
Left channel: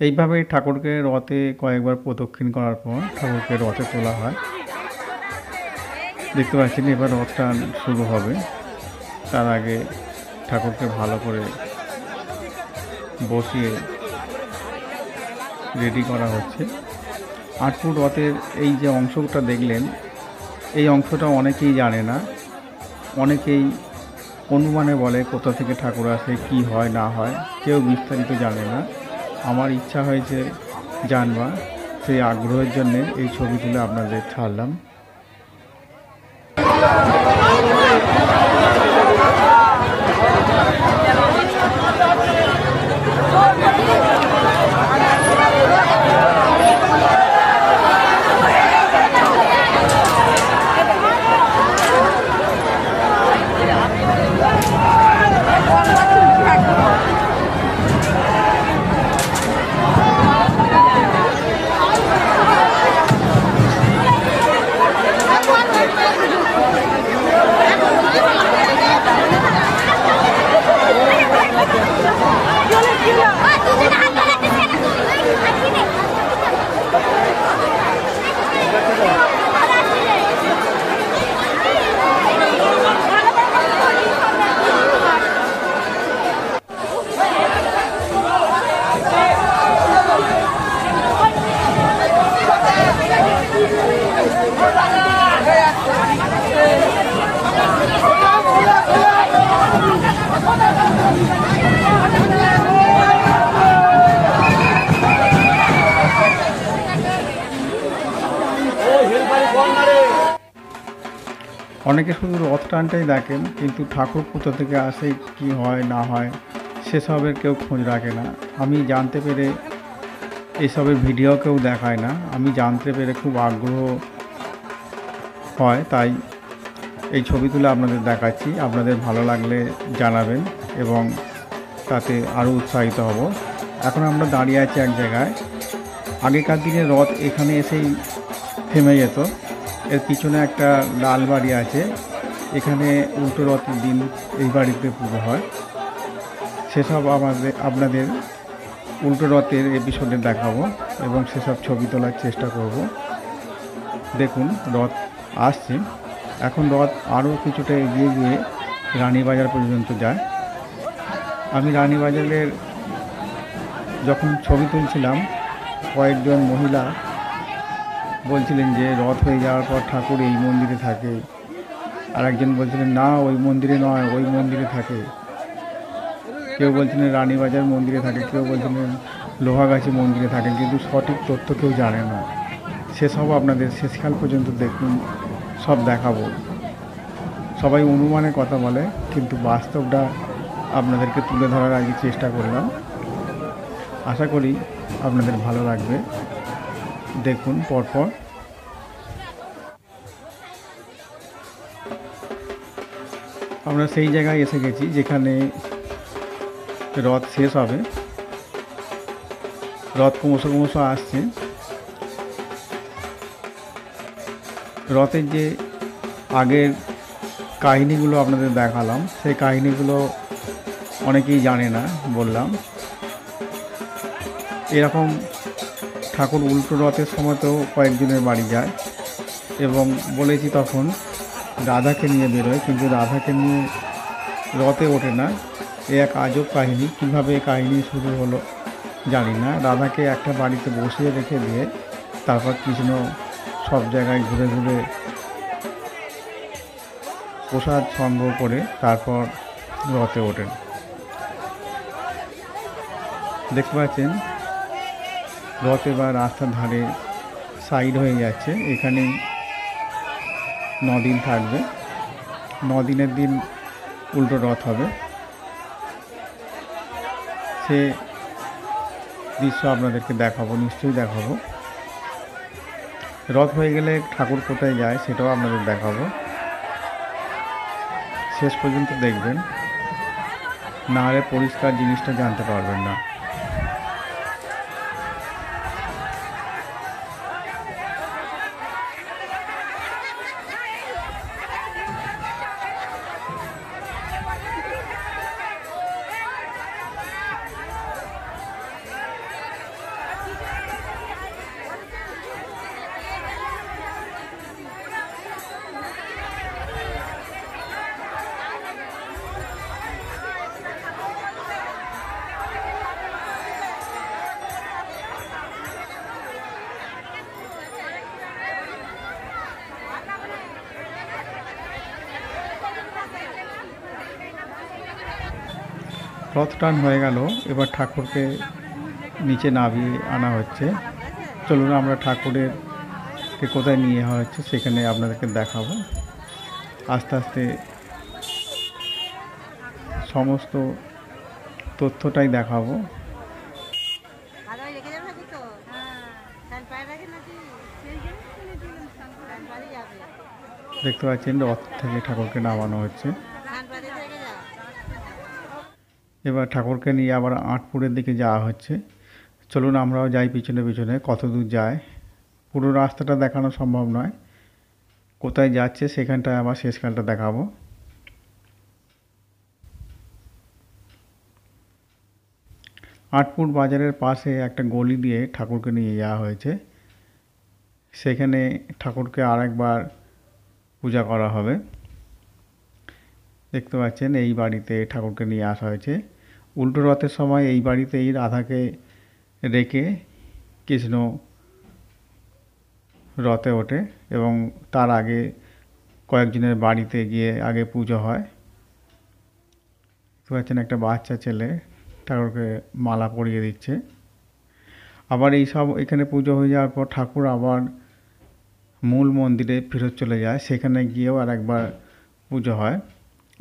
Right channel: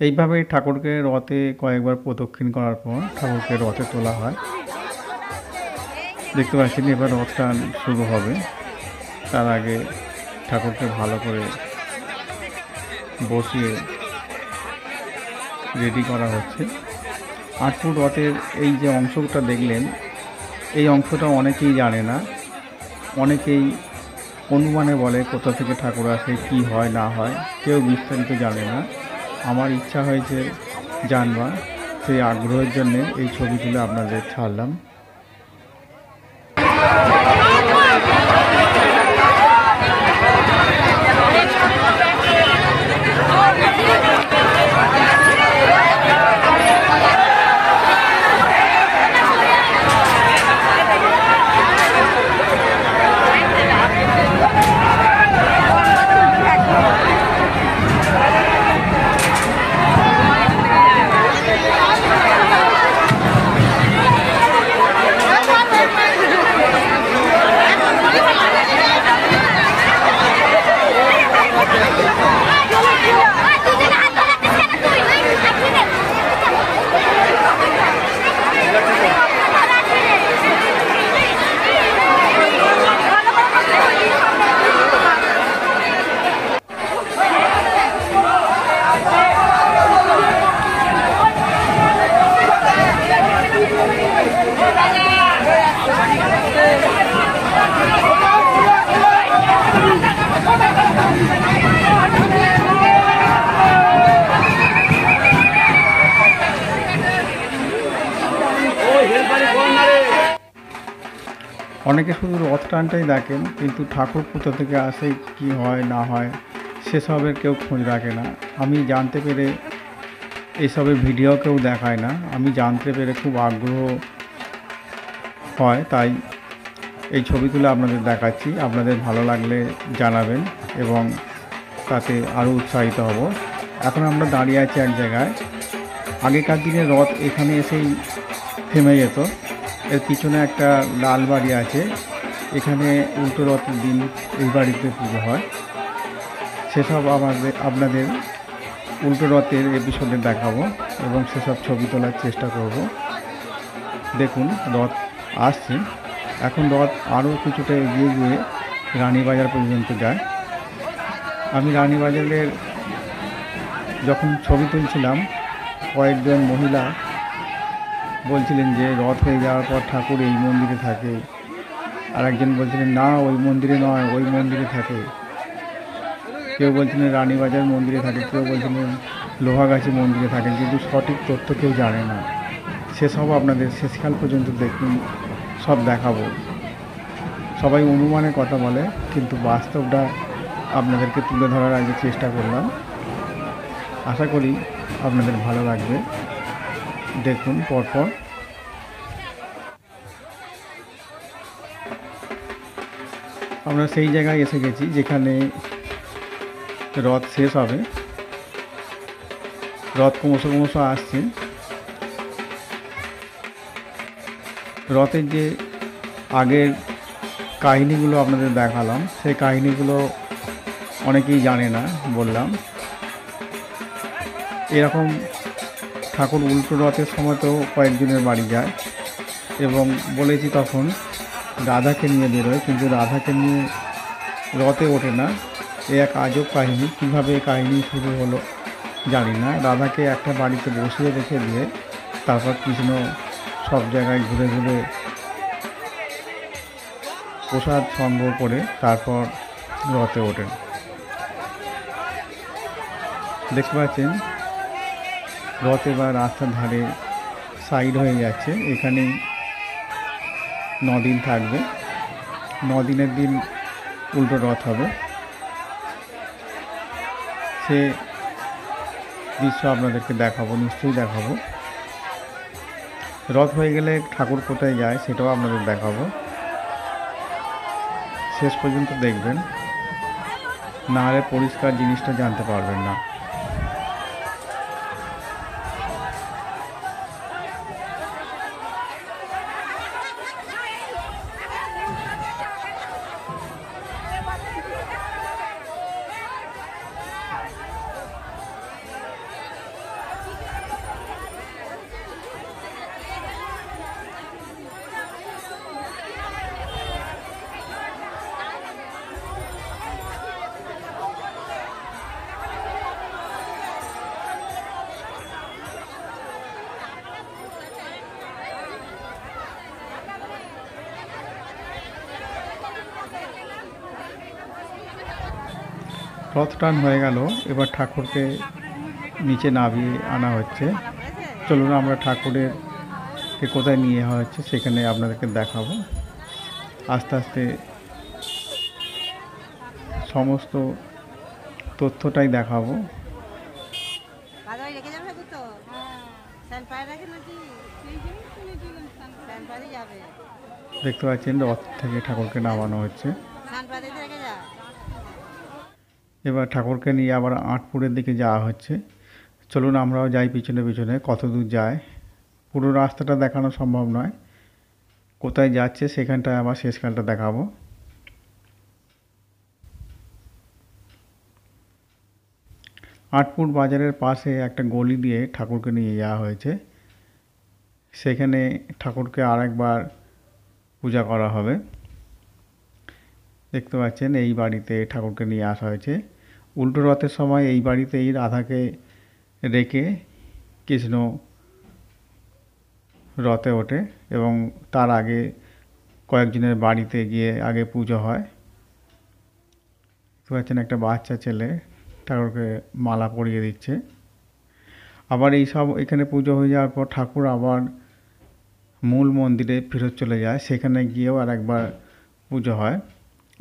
এইভাবে ঠাকুরকে রথে কয়েকবার প্রদক্ষিণ করার পর ঠাকুরকে রথে তোলা হয়। দেখতে পাচ্ছেন এবার রথ টান শুরু হবে। তার আগে ঠাকুরকে ভালো করে বসিয়ে রেডি করা হচ্ছে। আটপুর রথের এই যে অংশটা দেখলেন, এই অংশটা অনেকেই জানে না। অনেকেই অনুমানে বলে কোথা থেকে ঠাকুর আসে, কি হয় না হয়, কেউ বিস্তারিত জানে না। আমার ইচ্ছা হয়েছে জানবা, সেই আগ্রহের জন্যে এই ছবি তুলে আপনাদের ছাড়লাম। অনেকে শুধু রথ টানটাই দেখেন, কিন্তু ঠাকুর কোথা থেকে আসে, কি হয় না হয় সেসবের কেউ খোঁজ রাখে না। আমি জানতে পেরে এসবের ভিডিও কেউ দেখায় না। আমি জানতে পেরে খুব আগ্রহ হয়, তাই এই ছবি তুলে আপনাদের দেখাচ্ছি। আপনাদের ভালো লাগলে জানাবেন এবং তাতে আরও উৎসাহিত হব। এখন আমরা দাঁড়িয়ে আছি এক জায়গায়। আগেকার দিনে রথ এখানে এসেই থেমে যেত। এর পিছনে একটা লাল বাড়ি আছে, এখানে উল্টো রথের দিন এই বাড়িতে পুজো হয়। সেসব আপনাদের উল্টো রথের এপিসোডে দেখাবো এবং সেসব ছবি তোলার চেষ্টা করব। দেখুন রথ আসছে, এখন রথ আরও কিছুটা এগিয়ে গিয়ে রানীবাজার পর্যন্ত যায়। আমি রানীবাজারের যখন ছবি তুলছিলাম কয়েকজন মহিলা বলছিলেন যে রথ হয়ে যাওয়ার পর ঠাকুর এই মন্দিরে থাকে, আর একজন বলছিলেন না ওই মন্দিরে নয়, ওই মন্দিরে থাকে। কেউ বলছিলেন রানীবাজার মন্দিরে থাকে, কেউ বলছিলেন লোহাগাছি মন্দিরে থাকে, কিন্তু সঠিক তথ্য কেউ জানে না। সেসব আপনাদের শেষকাল পর্যন্ত দেখুন, সব দেখাবো। সবাই অনুমানের কথা বলে, কিন্তু বাস্তবটা আপনাদেরকে তুলে ধরার আগে চেষ্টা করলাম। আশা করি আপনাদের ভালো লাগবে। দেখুন পরপর। আমরা সেই জায়গায় এসে গেছি যেখানে রথ শেষ হবে। রথ ক্রমশ আসছে। রথের যে আগের কাহিনীগুলো আপনাদের দেখালাম, সেই কাহিনীগুলো অনেকেই জানে না বললাম। এরকম ঠাকুর উল্টো রথের সময় তো কয়েকজনের বাড়ি যায়, এবং বলেছি তখন রাধাকে নিয়ে বেরোয়, কিন্তু রাধাকে নিয়ে রথে ওঠে না। এ এক আজব কাহিনী। কীভাবে কাহিনী শুরু হলো জানি না। রাধাকে একটা বাড়িতে বসিয়ে রেখে দিয়ে তারপর কৃষ্ণ সব জায়গায় ঘুরে ঘুরে প্রসাদ সংগ্রহ করে তারপর রথে ওঠেন। দেখতে পাচ্ছেন রথ এবার রাস্তার ধারে সাইড হয়ে যাচ্ছে। এখানেই 9 দিন থাকবে। 9 দিনের দিন উল্টো রথ হবে। সে দৃশ্য আপনাদেরকে দেখাবো, নিশ্চয়ই দেখাবো। রথ হয়ে গেলে ঠাকুর কোথায় যায় সেটাও আপনাদের দেখাবো। শেষ পর্যন্ত দেখবেন, না হলে পরিষ্কার জিনিসটা জানতে পারবেন না। রথ টান হয়ে গেল, এবার ঠাকুরকে নিচে নামিয়ে আনা হচ্ছে। চলুন আমরা ঠাকুরেরকে কোথায় নিয়ে যাওয়া হচ্ছে সেখানে আপনাদেরকে দেখাবো। আস্তে আস্তে সমস্ত তথ্যটাই দেখাবো। দেখতে পাচ্ছেন রথ থেকে ঠাকুরকে নামানো হচ্ছে। এবার ঠাকুরকে নিয়ে আবার আঁটপুরের দিকে যাওয়া হচ্ছে। চলুন আমরাও যাই পিছনে পিছনে। কত দূর যায় পুরো রাস্তাটা দেখানো সম্ভব নয়, কোথায় যাচ্ছে সেখানটায় আবার শেষকালটা দেখাবো। আঁটপুর বাজারের পাশে একটা গলি দিয়ে ঠাকুরকে নিয়ে যাওয়া হয়েছে। সেখানে ঠাকুরকে আরেকবার পূজা করা হবে। দেখতে পাচ্ছেন এই বাড়িতে ঠাকুরকে নিয়ে আসা হয়েছে। উল্টো রথের সময় এই বাড়িতেই রাধাকে রেখে কৃষ্ণ রথে ওঠে, এবং তার আগে কয়েকজনের বাড়িতে গিয়ে আগে পুজো হয়। দেখতে পাচ্ছেন একটা বাচ্চা ছেলে ঠাকুরকে মালা পরিয়ে দিচ্ছে। আবার এই সব এখানে পুজো হয়ে যাওয়ার পর ঠাকুর আবার মূল মন্দিরে ফেরত চলে যায়, সেখানে গিয়েও আর একবার পুজো হয়।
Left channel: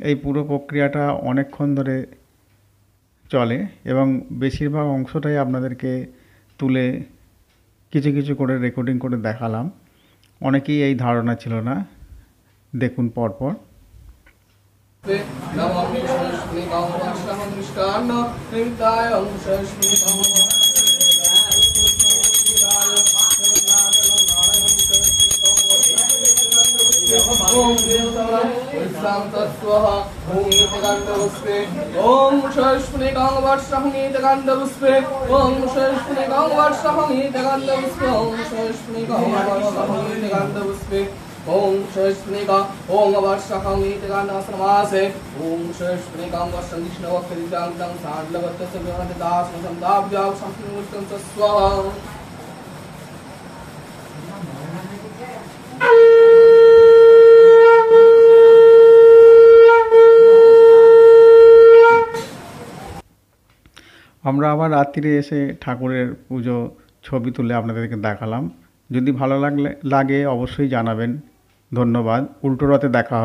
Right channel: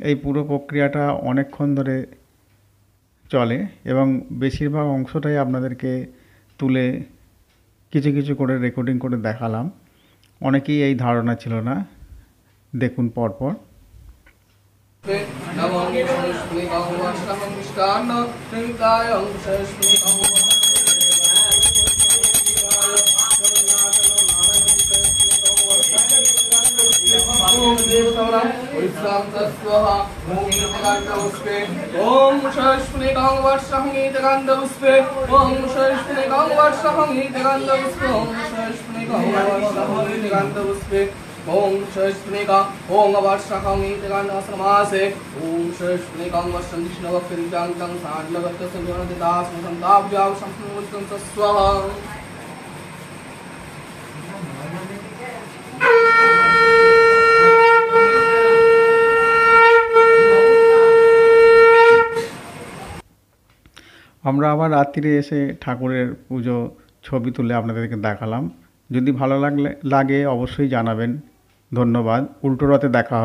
এই পুরো প্রক্রিয়াটা অনেকক্ষণ ধরে চলে, এবং বেশিরভাগ অংশটাই আপনাদেরকে তুলে কিছু কিছু করে রেকর্ডিং করে দেখালাম। অনেকেই এই ধারণা ছিল না। দেখুন পরপর। विश्राम तस्वाहा ओम गंधपुष्पे ओम शस्फुलिकां वर्षहंगीत गंधपुष्पे ओम शस्फुलिकां वर्षहंगीत गंधपुष्पे ओम शस्फुलिकां वर्षहंगीत गंधपुष्पे ओम शस्फुलिका ओम वर्षहंगीत गंधसमासे ओम शस्फुलिकां वर्षनिष्णवक्तिजांतं सांडवत्तस्य विनोदिदास संताभ्यां संपूर्णं तस्वाहा আমরা আবার রাত্রিরে এসে ঠাকুরের পুজো ছবি তুলে আপনাদেরকে দেখালাম। যদি ভালো লাগে অবশ্যই জানাবেন। ধন্যবাদ। উল্টো রথে দেখা হবে।